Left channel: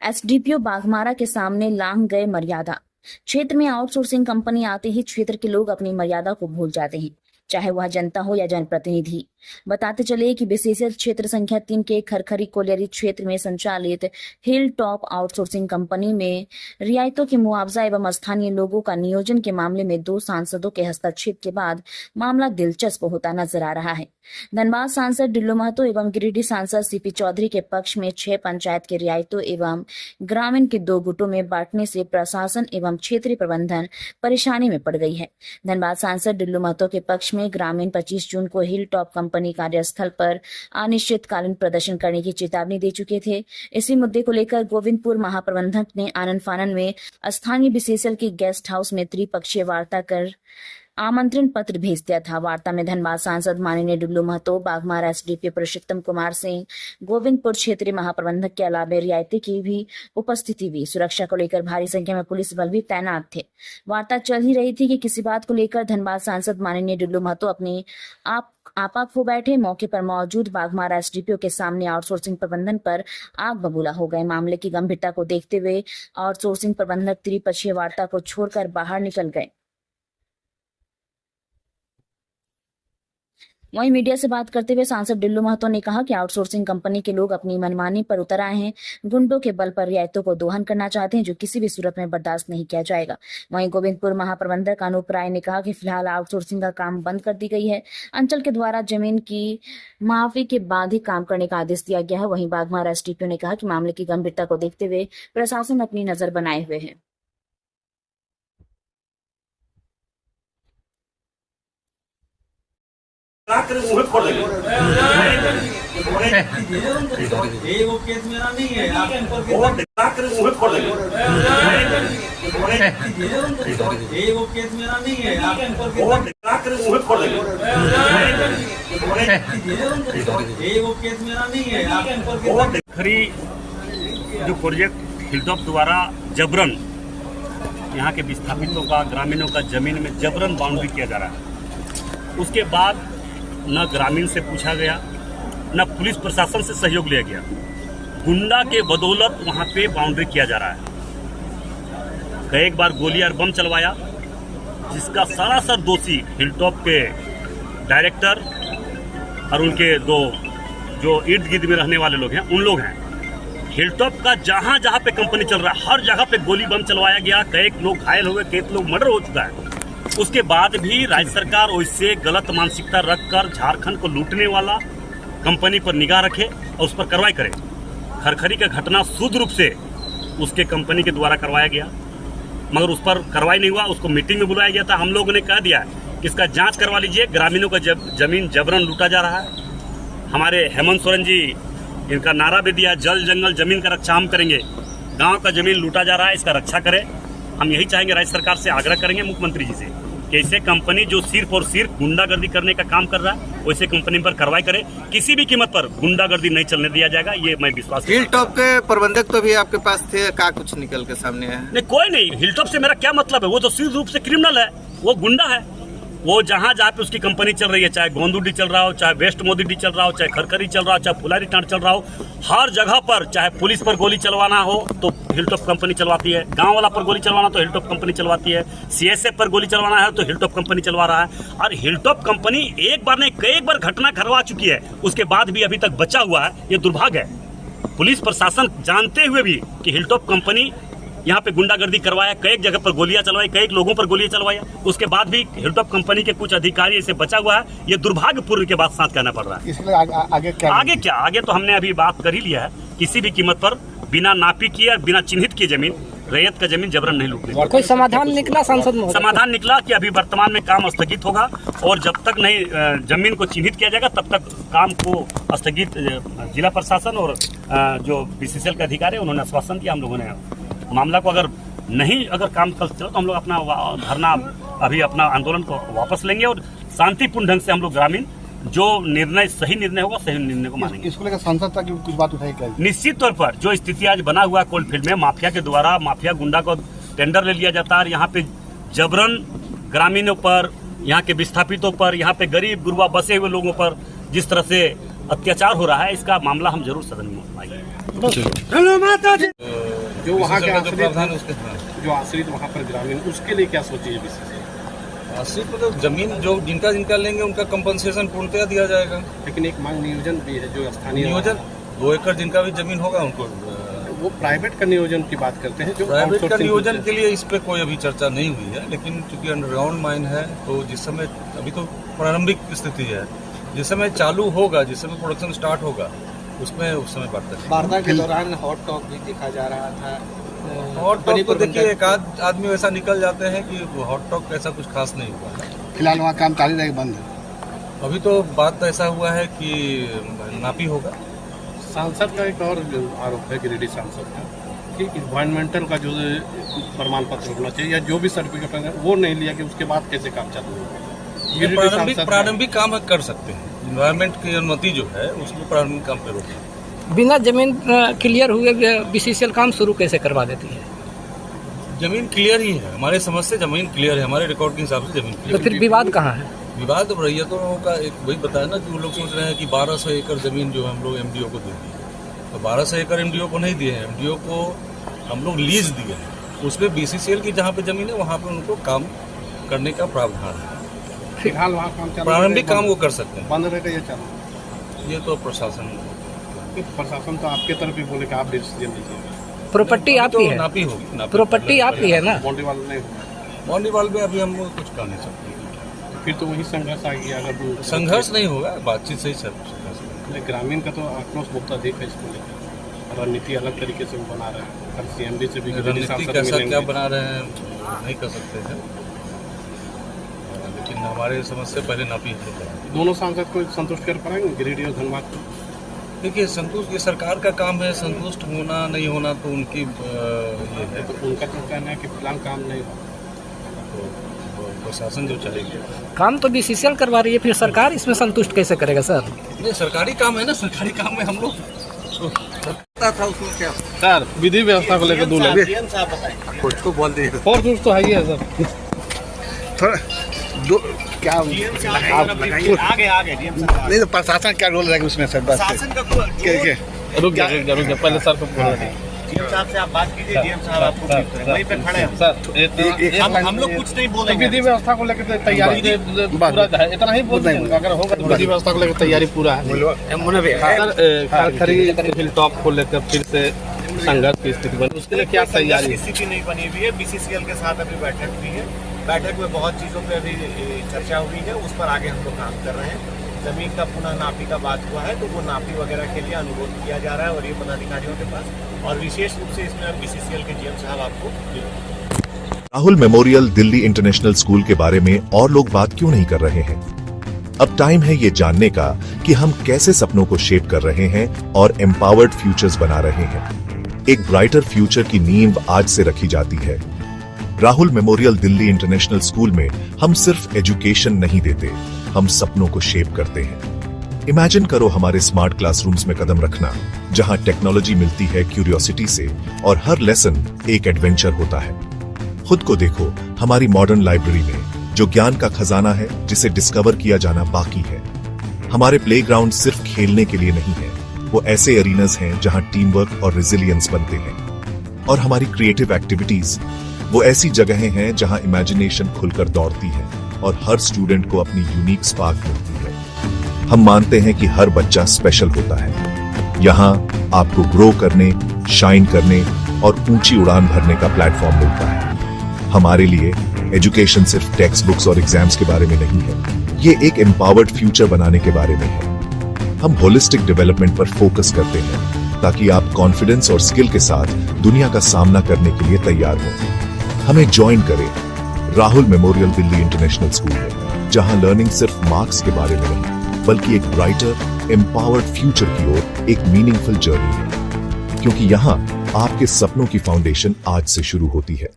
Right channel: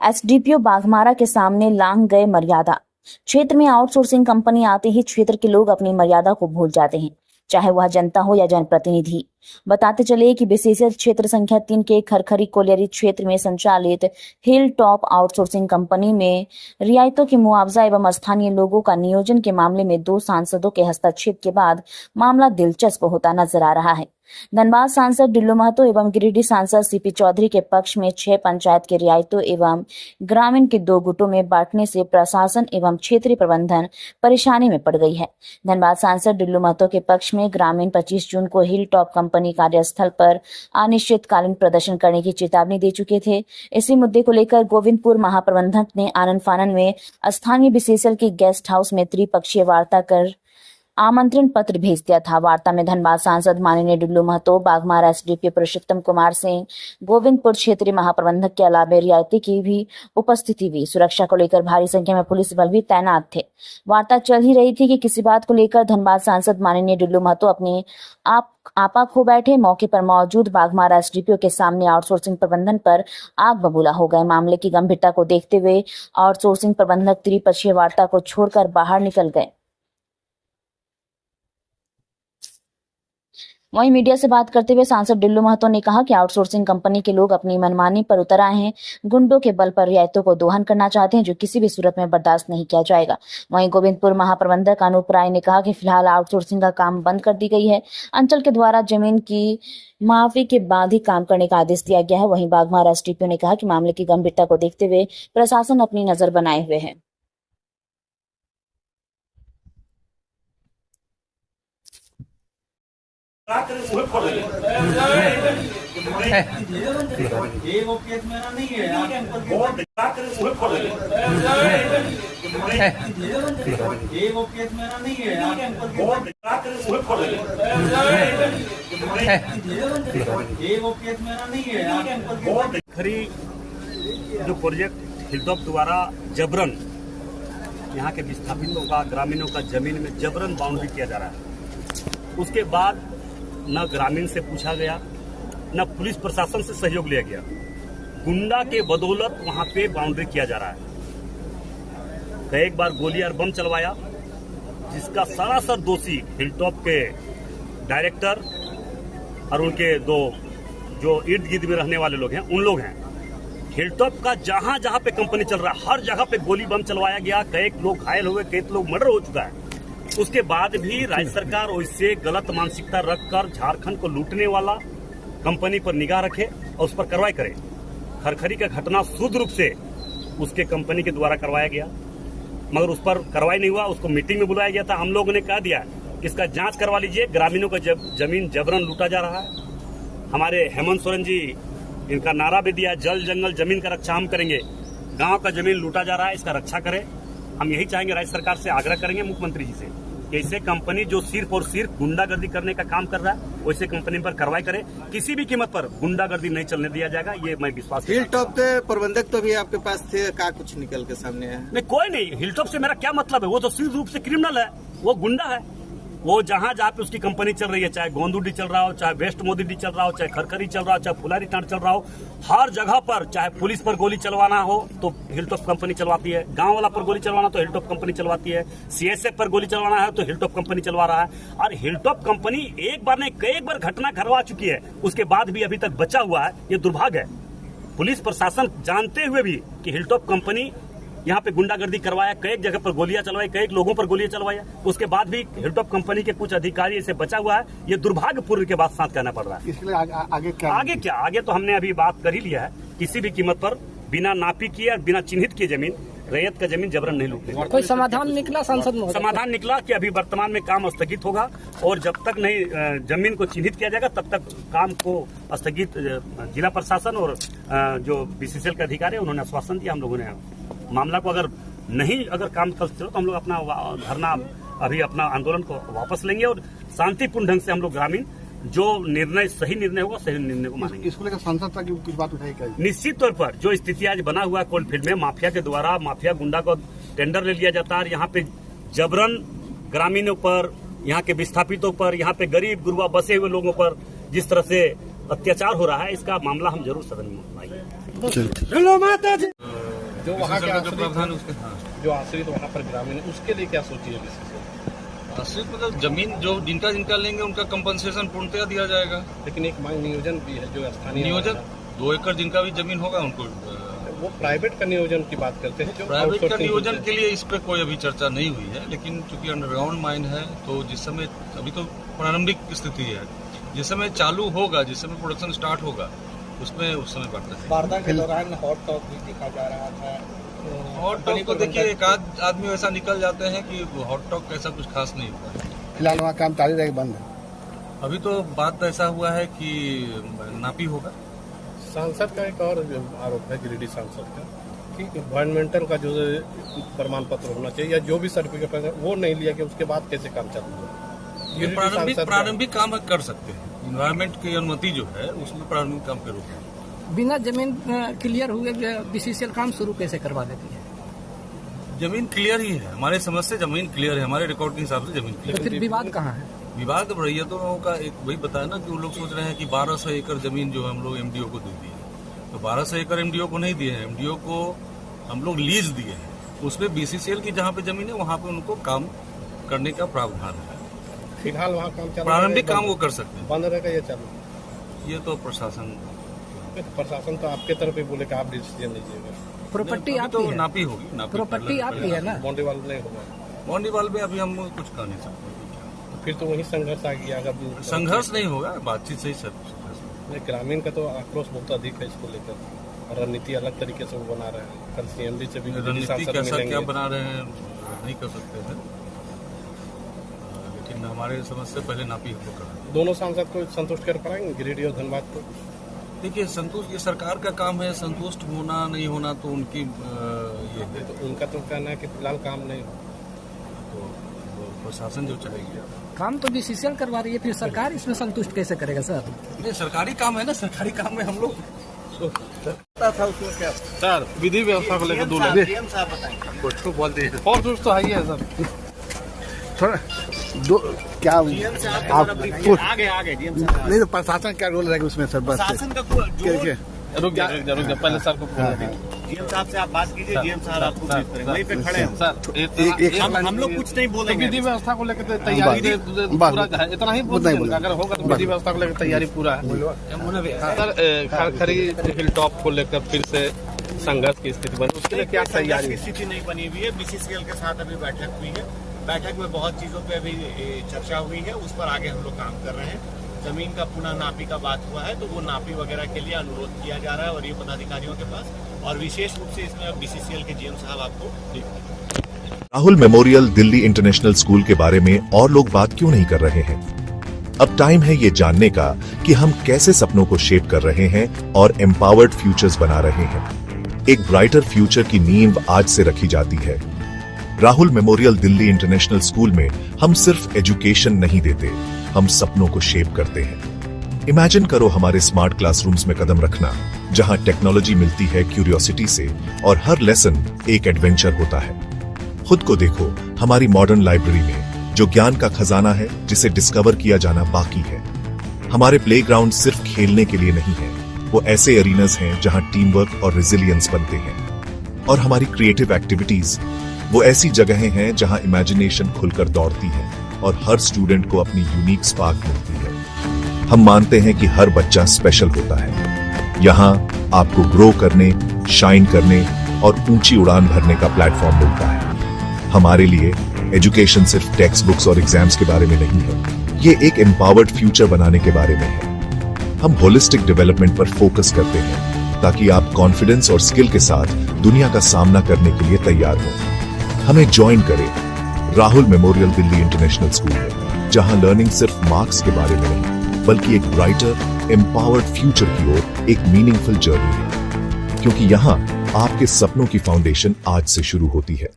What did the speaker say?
SDPO Baghmara के सामने लांघ गए मर्यादा। क्षेत्र में आउटसोर्सिंग कंपनी आते ही क्षेत्र के लोग अपनी मर्यादा को भूल जाते हैं, चाहे वह जनता हो या जनप्रतिनिधि। बताते चले कि बीसीसीएल क्षेत्र संख्या 3 के खरखरी कोलियरी क्षेत्र में संचालित हिल टॉप आउटसोर्सिंग कंपनी में रियायतों के मुआवजा एवं स्थानीय लोगों का नियोजन के मामले में 2 सांसदों के हस्तक्षेप के बाद मामला दिलचस्प होता नजर आ रहा है। धनबाद सांसद डिल्लू महतो एवं गिरिडीह सांसद सीपी चौधरी के पक्ष में 6 पंचायत के रियायतों एवं ग्रामीण के 2 गुटों में बांटने से प्रशासन एवं क्षेत्रीय प्रबंधन परेशानी में पड़ गई है। धनबाद सांसद डिल्लू महतो के पक्ष में ग्रामीण 25 जून को हिल टॉप कंपनी कार्यस्थल पर अनिश्चितकालीन प्रदर्शन करने की चेतावनी दे चुके थे। इसी मुद्दे को लेकर गोविंदपुर महाप्रबंधक ने आनन फानन में स्थानीय बीसीसीएल की गेस्ट हाउस में त्रिपक्षीय वार्ता कर आमंत्रण पत्र भेज दिया था। वार्ता में धनबाद सांसद माननीय डिल्लू महतो, बाघमारा एसडीपीओ पुरुषोत्तम कुमार सिंह, गोविंदपुर क्षेत्रीय महाप्रबंधक के अलावा रियायती की भी उपस्थिति हुई। सुरक्षा को लेकर भारी संख्या में पुलिस बल भी तैनात थे। वार्ता चल ही रही थी कि किसी बात को लेकर धनबाद सांसद माननीय डिल्लू महतो अपने आपा खो बैठे। मौके पर मौजूद बाघमारा एसडीपीओ के सामने आउटसोर्सिंग प्रबंधन पर आग बबूला हो गए। मामले की गंभीरता को देखते हुए आउटसोर्सिंग प्रबंधक त्रिपक्षीय वार्ता को छोड़कर बाहर निकल गए। वहीं मीडिया से बात करते हुए सांसद डिल्लू महतो ने कहा कि आउटसोर्सिंग कंपनी के लोग अपनी मनमानी पर उतर आए हैं, गुंडों के बल पर रियायतों को दोहन करना चाहते हैं, जो किसी भी सूरत में बर्दाश्त नहीं किया जाएगा। वहीं गोविंदपुर महाप्रबंधक अनूप राय ने कहा कि फिलहाल आउटसोर्सिंग का काम बंद कर दी गई है। अंचल के द्वारा जमीन की माफी के बाद ही काम करने का आदेश दिया गया है। वहीं बाघमारा एसडीपीओ ने कहा कि मामले की गंभीरता को देखते हुए प्रशासन अपनी नजर बनाए हुए है। वो केस मेरा नहीं है, आप वो केस मेरा नहीं है, आप वो केस मेरा नहीं है, आप खरी जो प्रोजेक्ट हिलटॉप द्वारा जबरन यहाँ के विस्थापितों का, ग्रामीणों का जमीन में जबरन बाउंड्री किया जा रहा है। उसके बाद न ग्रामीण से पूछा गया, न पुलिस प्रशासन से सहयोग लिया गया। गुंडा के बदौलत वहां पे बाउंड्री किया जा रहा है। कई बार गोली और बम चलवाया, जिसका सरासर दोषी हिलटॉप के डायरेक्टर और उनके 2 जो इर्द गिर्द में रहने वाले लोग हैं, उन लोग हैं। हिलटॉप का जहां जहां पे कंपनी चल रहा है, हर जगह पे गोली बम चलवाया गया। कई लोग घायल हो गए, कई लोग मर्डर हो चुका है। उसके बाद भी राज्य सरकार वैसे गलत मानसिकता रखकर झारखंड को लूटने वाला कंपनी पर निगाह रखे और उस पर कार्रवाई करे। खरखरी का घटना शुद्ध रूप से उसके कंपनी के द्वारा करवाया गया, मगर उस पर कार्रवाई नहीं हुआ। उसको मीटिंग में बुलाया गया था। हम लोगों ने कह दिया कि इसका जांच करवा लीजिए। ग्रामीणों का जमीन जबरन लूटा जा रहा है। हमारे हेमंत सोरेन जी इनका नारा भी दिया, जल जंगल जमीन का रक्षा हम करेंगे। गाँव का जमीन लूटा जा रहा है, इसका रक्षा करें। हम यही चाहेंगे, राज्य सरकार से आग्रह करेंगे मुख्यमंत्री जी से कि ऐसे कंपनी जो सिर्फ और सिर्फ गुंडागर्दी करने का काम कर रहा है, वैसे कंपनी पर कार्रवाई करे। किसी भी कीमत पर गुंडागर्दी नहीं चलने दिया जाएगा, ये मैं विश्वास करता हूं। हिलटॉप के प्रबंधक तो भी आपके पास थे, क्या कुछ निकल के सामने है? नहीं, कोई नहीं। हिलटॉप से मेरा क्या मतलब है? वो तो सिर्फ रूप से क्रिमिनल है, वो गुंडा है। वो जहाँ पे उसकी कंपनी चल रही है, चाहे गोंदुडी चल रहा हो, चाहे वेस्ट मोदी चल रहा हो, चाहे खरखरी चल रहा हो, चाहे फुलारी टांड चल रहा हो, हर जगह पर चाहे पुलिस पर गोली चलवाना हो तो हिलटॉप कंपनी चलवाती है। गांव वाला पर गोली चलवाना तो हिलटॉप कंपनी चलवाती है। सीएसएफ पर गोली चलवाना है तो हिलटॉप कंपनी चलवा रहा है। और हिलटॉप कंपनी एक बार नहीं, कई बार घटना करवा चुकी है, उसके बाद भी अभी तक बचा हुआ है। ये दुर्भाग्य है। पुलिस प्रशासन जानते हुए भी कि हिलटॉप कंपनी यहाँ पे गुंडागर्दी करवाया, कई जगह पर गोलियां चलवाई, कई लोगों पर गोलियां चलवाया, उसके बाद भी हिलटॉप कंपनी के कुछ अधिकारी इसे बचा हुआ है। ये दुर्भाग्यपूर्ण के बाद साथ कहना पड़ रहा है। इसके लिए आगे क्या? आगे तो हमने अभी बात कर ही लिया है। किसी भी कीमत पर बिना नापी किए और बिना चिन्हित किए जमीन, रैयत का जमीन जबरन नहीं लूटे। कोई समाधान निकला सांसद में? समाधान निकला कि अभी वर्तमान में काम स्थगित होगा और जब तक नहीं जमीन को चिन्हित किया जाएगा तब तक काम को स्थगित। जिला प्रशासन और जो बीसीसीएल के अधिकारी है उन्होंने आश्वासन दिया। हम लोगों ने मामला को अगर काम चल तो हम लोग अपना धरना, अभी अपना आंदोलन को वापस लेंगे और शांतिपूर्ण ढंग से हम लोग ग्रामीण जो निर्णय सही निर्णय होगा सही निर्णय को मानेंगे। इसको लेकर सांसद तक कुछ बात उठाई क्या? निश्चित तौर पर जो स्थिति आज बना हुआ है कोलफील्ड में, माफिया के द्वारा माफिया गुंडा को टेंडर ले लिया जाता है। यहाँ पे जबरन ग्रामीणों पर, यहाँ के विस्थापितों पर, यहाँ पे गरीब गुरबा बसे हुए लोगों पर जिस तरह से अत्याचार हो रहा है, इसका मामला हम जरूर सदन में उठाएंगे। जो वहाँ के BCCL का जो आश्रित प्रावधान हैं, उसके हाँ जो आश्रित वहाँ पर ग्रामीण, उसके लिए क्या सोची है बीसीसीएल? आश्रित मतलब जमीन जो जिनका लेंगे उनका कंपनसेशन पूर्णतया दिया जाएगा। लेकिन एक मांग नियोजन भी है जो स्थानीय नियोजन 2 एकड़ जिनका भी जमीन होगा उनको वो प्राइवेट का नियोजन की बात करते हैं जो प्राइवेट का आउटसोर्सिंग नियोजन होते के लिए इस पे कोई अभी चर्चा नहीं हुई है, लेकिन चूंकि अंडरग्राउंड माइन है तो जिस समय अभी तो प्रारंभिक स्थिति है, जिस समय चालू होगा, जिस समय प्रोडक्शन स्टार्ट होगा उसमें उस समय बढ़ता है। वार्ता के दौरान हॉट टॉक भी देखा जा रहा था। हॉट टॉक तो देखिए एक आध आदमी वैसा निकल जाते हैं कि हॉट टॉक ऐसा कुछ खास नहीं हुआ। फिलहाल वहाँ काम जारी रहेगा, बंद है। अभी तो बात ऐसा हुआ है कि नापी होगा। सांसद का एक और आरोप है, गिरिडीह सांसद का, कि इन्वायरमेंटल का जो प्रमाण पत्र होना चाहिए या जो भी सर्टिफिकेट है वो नहीं लिया कि उसके बाद कैसे काम चालू होगा। गिरिडीह सांसद का- प्रारंभिक काम कर सकते हैं, इन्वायरमेंट की अनुमति जो है उसमें प्रारंभिक काम पे रोक है। बिना जमीन क्लियर हुए बीसीसीएल काम शुरू कैसे करवा देती है? जमीन क्लियर ही है, हमारे समझ से जमीन क्लियर है, हमारे रिकॉर्ड के हिसाब से जमीन तो क्लियर फिर विवाद कहाँ है? विवाद अब रैयतों का एक वही बताया ना कि वो लोग सोच रहे हैं कि 1200 एकड़ जमीन जो हम लोग एमडीओ को दे दिए, तो 1200 एकड़ एमडीओ को नहीं दिए हैं, एमडीओ को हम लोग लीज दिए हैं। उसमें बीसीसीएल की जहाँ पे जमीन है वहाँ पे उनको काम करने का प्रावधान है। फिलहाल वहाँ काम चालू प्रारंभिक रहेगा, काम वो कर सकते हैं, बंद रहेगा या चालू? ये तो प्रशासन प्रशासन तो आपके तरफ ही बोले कि आप डिसीजन लीजिएगा, प्रॉपर्टी आपकी तो है, नापी होगी, प्रॉपर्टी आपकी है ना? बाउंड्री वाल नहीं होगा। बाउंड्री वाल में अभी हम लोग कुछ कर नहीं सकते। फिर तो वही संघर्ष आ गया। अगर संघर्ष नहीं होगा, बातचीत से ही संघर्ष। ग्रामीण का तो आक्रोश बहुत अधिक है इसको लेकर, रणनीति अलग तरीके से वो बना रहे हैं। कल सीएमडी से भी गिरिडीह रणनीति सांसद कैसा मिलेंगे। क्या बना रहे हैं नहीं कर सकते हैं, लेकिन हमारे समझ से पहले नापी होगा। दोनों सांसद को संतुष्ट कर पाएंगे, गिरिडीह और धनबाद को? देखिए संतुष्ट, ये सरकार का काम है, संतुष्ट होना नहीं होना तो उनकी ये है, तो उनका तो कहना है कि फिलहाल काम नहीं हुआ। तो प्रशासन जो चाहेगी। काम तो बीसीसीएल करवा रही है, फिर सरकार इसमें संतुष्ट कैसे करेगा सर? नहीं, सरकारी काम है ना, सरकारी काम में हम लोग था उसमें क्या सर विधि व्यवस्था को लेकर दो लोग कुछ को बोल दिए और कुछ तो है ही है सर। थोड़ा दो क्या आप नहीं तो प्रशासन क्या रोल रहेगा उसमें सर? बस रुक जा पहले सर को बोलना। डीएम साहब से आप बात कीजिए, डीएम साहब आपको वहीं पे खड़े हैं। सर हम लोग कुछ नहीं तो बोलेंगे। विधि व्यवस्था को लेकर तैयारी पूरा है, इतना ही बोल देंगे। अगर होगा तो विधि व्यवस्था को लेकर तैयारी पूरा है। सर खरीद हिल टॉप को लेकर फिर से संघर्ष की स्थिति बनी, उसके लिए क्या तैयारी? स्थिति नहीं बनी हुई है। बीसीसीएल के साथ अभी बैठक हुई है, बैठक में बहुत चीज़ों पे अभी चर्चा हुई है, उस पर आगे हम लोग काम कर रहे हैं। जमीन का पुनः नापी का बात हुआ है, तो वो नापी वगैरह के लिए अनुरोध किया जा रहा है और ये पदाधिकारियों के पास, और विशेष रूप से इसमें हम बीसीसीएल के जीएम साहब आपको Rahul memorial Delhi international school के बारे में और लोग बात क्यों नहीं कर रहे हैं? अब टाइम है ये जानने का कि हम कैसे सपनों को शेप कर रहे हैं और एम्पावर्ड फ्यूचर्स बना रहे हैं। एक ब्राइटर फ्यूचर की नींव आज से रखी जाती है। Rahul memorial Delhi international school में हम सिर्फ एजुकेशन नहीं देते, हम सपनों को शेप करते हैं। इमेजिन करो हमारे स्मार्ट क्लासरूम्स में कदम रखना, जहां टेक्नोलॉजी मिलती है क्यूरियोसिटी से और हर लेसन एक एडवेंचर होता है। खुद को देखो हमारी मॉडर्न लाइब्रेरी में, जो ज्ञान का खजाना है जिसे डिस्कवर किया जाना बाकी है। हमारे प्लेग्राउंड सिर्फ खेलने के लिए नहीं है, वो ऐसे एरीनास हैं जहां टीम वर्क और रेजिलियंस बनते हैं। और हमारी क्रिएटिव एक्टिविटीज वो ऐसी जगहें हैं जहां इमेजिनेशन खुलकर दौड़ती है और हर स्टूडेंट को अपनी यूनिक स्पार्क मिलती है। हम मानते हैं कि हर बच्चा स्पेशल होता है। यहाँ आपको ग्रो करने, शाइन करने और ऊंची उड़ान भरने का प्लेटफॉर्म मिलता है। हमारे लिए एजुकेशन सिर्फ टेक्स्ट बुक्स और एग्जाम्स के बारे में नहीं है, ये एक एम्पावर्ड फ्यूचर बनाने के बारे में है। हम होलिस्टिक डेवलपमेंट पर फोकस करते हैं ताकि आप कॉन्फिडेंस और स्किल के साथ दुनिया का सामना करने के लिए तैयार हो। हमें ज्वाइन करें Rahul memorial Delhi international school में, जहां लर्निंग सिर्फ मार्क्स के बारे में नहीं, बल्कि एक ब्राइटर एम्पावर्ड फ्यूचर की ओर एक मीनिंगफुल जर्नी है। क्योंकि यहाँ आपके सपनों की फाउंडेशन आज से शुरू होती है।